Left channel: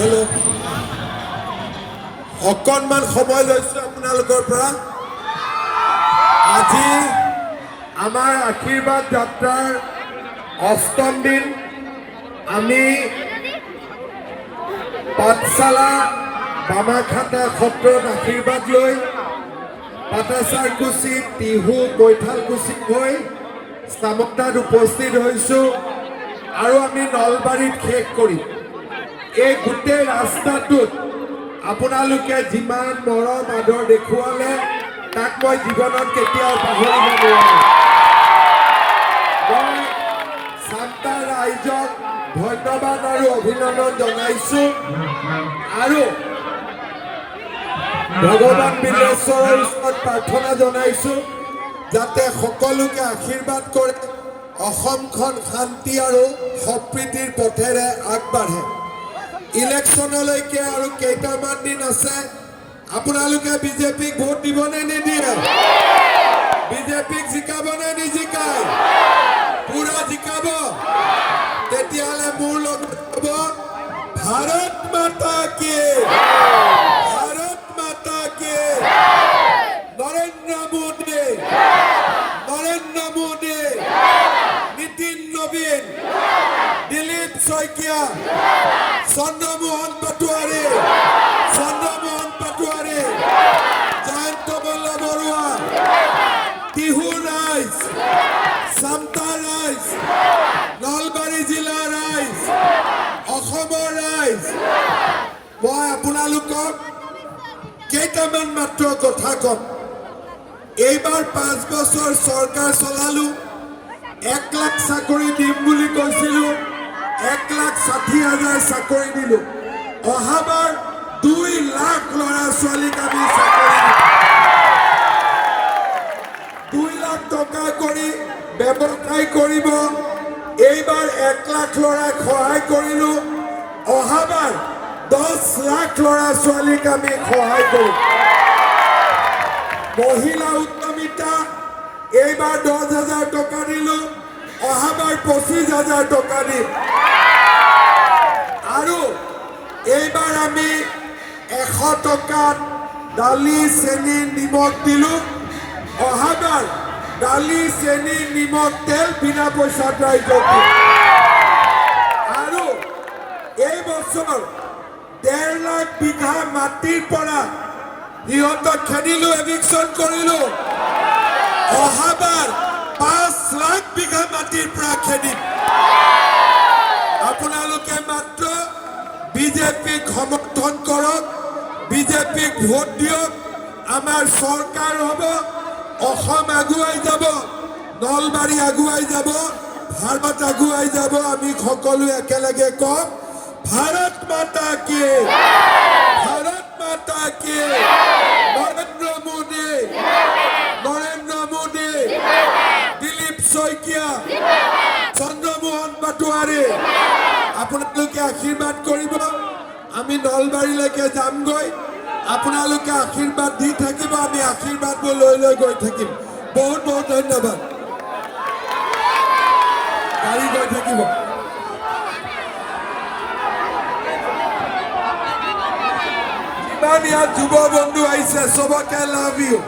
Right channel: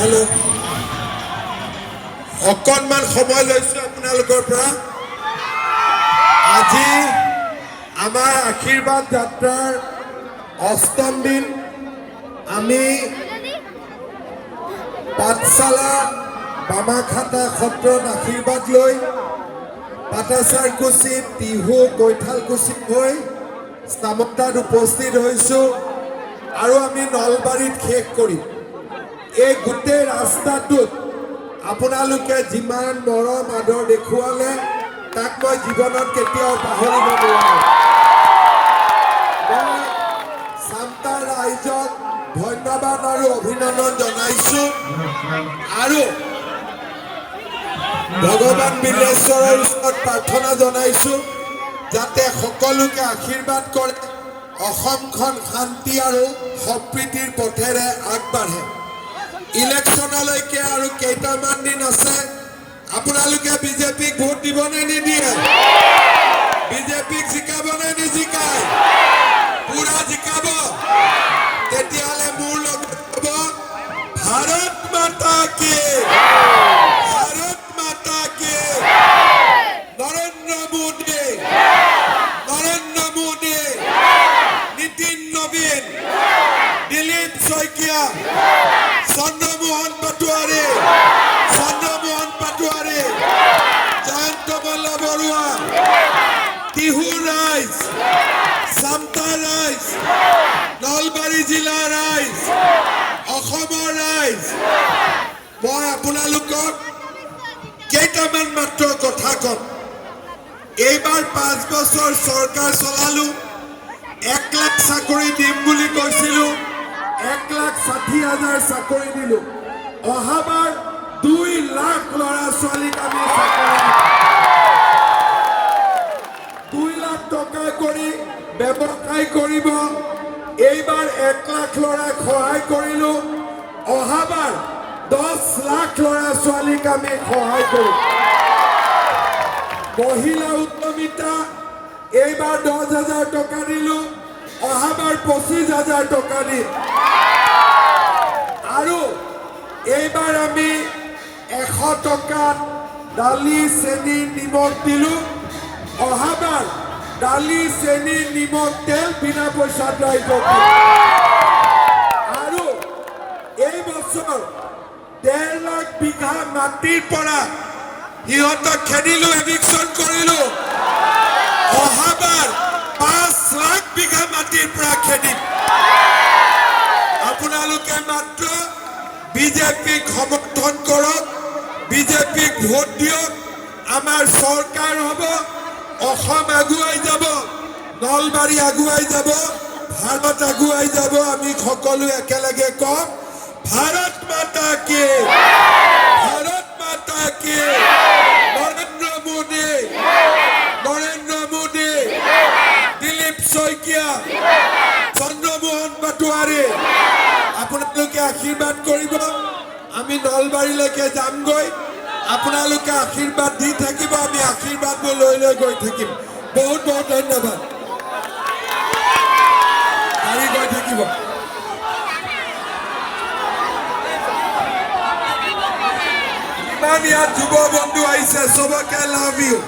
hello' অকণমান সময় লৈছো আপোনালোকৰ পৰা আজি আমাৰ আশীৰ্বাদ যাত্ৰাৰ অষ্টম দিন আমি পাঠশালা বামাখাটা সত্ৰত আশীৰ্বাদ লৈ পাটাচাৰকুচি টিহু কৈঠালকুচি হৈ চামতাত উপস্থিত হৈছো আৰু আমি নলবাৰীত শেষ কৰিম এই গোটেই ৰাস্তাটোত আপোনালোকে যিমান মৰম আদৰ দেখুৱালে তাক মই জীৱনত কেতিয়াও পাহৰিব নোৱাৰো মই চামতা ৰাইজক ধন্যবাদ আৰু অভিনন্দন জনাইছো আৰু ভগৱান বিল্লেশ্বৰৰ ওচৰত প্ৰাৰ্থনা জনাইছো যাতে সকলোকে আশীৰ্বাদ কৰে অসমখন শান্তি আৰু সম্প্ৰীতিৰ পথেৰে আগবাঢ়ে ইলেকশ্যনলৈকে আৰু কেইটামান দিন আছে আপোনালোকে বিজেপিক ভোট দিবনে নিদিয়ে বিজেপিক জিকাবনে নিজিকায় পুৰা জিকাব তেতিয়াহ'লে মোৰ লগত হ'ব ভাৰত মাতা কি নৰেন্দ্ৰ মোদী নীতিন নবীন দিলীপ শইকীয়া চন্দ্ৰমোহন পাটোৱাৰী জয়ন্ত মল্ল বৰুৱা টিহু ৰাইজ চামতা ৰাইজ নলবাৰী জিলাৰ ৰাইজ অসমৰ ৰাইজ মই আপোনালোকক কেইটামান মাত্ৰ কথা কম এইবাৰ 5 বছৰ চৰকাৰ চলালো 1 লাখ চাকৰি দিম বুলি কৈছিলো 1,60,000 চাকৰি দিলো অহাবাৰ 2 লাখ ল'ৰা ছোৱালীক আমি চাকৰি দিম 2 লাখ টকা কৰি ব্যৱসায় কৰিব এইবাৰ 1 লাখ ল'ৰাক সহায় কৰিলো অহাবাৰ 10 লাখ ল'ৰা ছোৱালীক আমি সহায় কৰিম মহিলা উদ্যমিতা এইবাৰ 10,000 টকা দিলো অহাবাৰ 25,000 টকা দিম আৰু এইবাৰ আমি 100 টকাত দালি চেনি নিমখ দিলো অহাবাৰ দালি চেনি নিমখ তেল বিনা পইচাত ৰাইজক দিম আৰু এই বছৰ 1.5 লাখ বিঘা মাটিৰ পৰা ইহঁতক খেদিলো এভিকশ্যন কৰিলো অহাবাৰ 5 লাখ বিঘা মাটিৰ পৰা খেদিম আপোনালোকে মাত্ৰ বিজেপিক সমৰ্থন কৰক বিজেপিক ভোট দিয়ক আমাৰ চৰকাৰ হ'ব অসম আগুৱাই যাব নলবাৰী আগুৱাই যাব ভাৰত আগুৱাই যাব আমি সকলো একেলগে কম ভাৰত মাতা কি নৰেন্দ্ৰ মোদী দিলীপ শইকীয়া চন্দ্ৰমোহন পাটোৱাৰী আপোনালোকে আশীৰ্বাদ কৰিব আমি নলবাৰীলৈকে যামগৈ আপোনালোকে আশীৰ্বাদ দি থাকিব আমি আশীৰ্বাদ লৈ গৈ থাকিম বহুত বহুত ধন্যবাদ গাড়ী গৈ থাকিব ইমান ইয়াত যুৱ বন্ধু আহিছে সবকে লাভ ইউ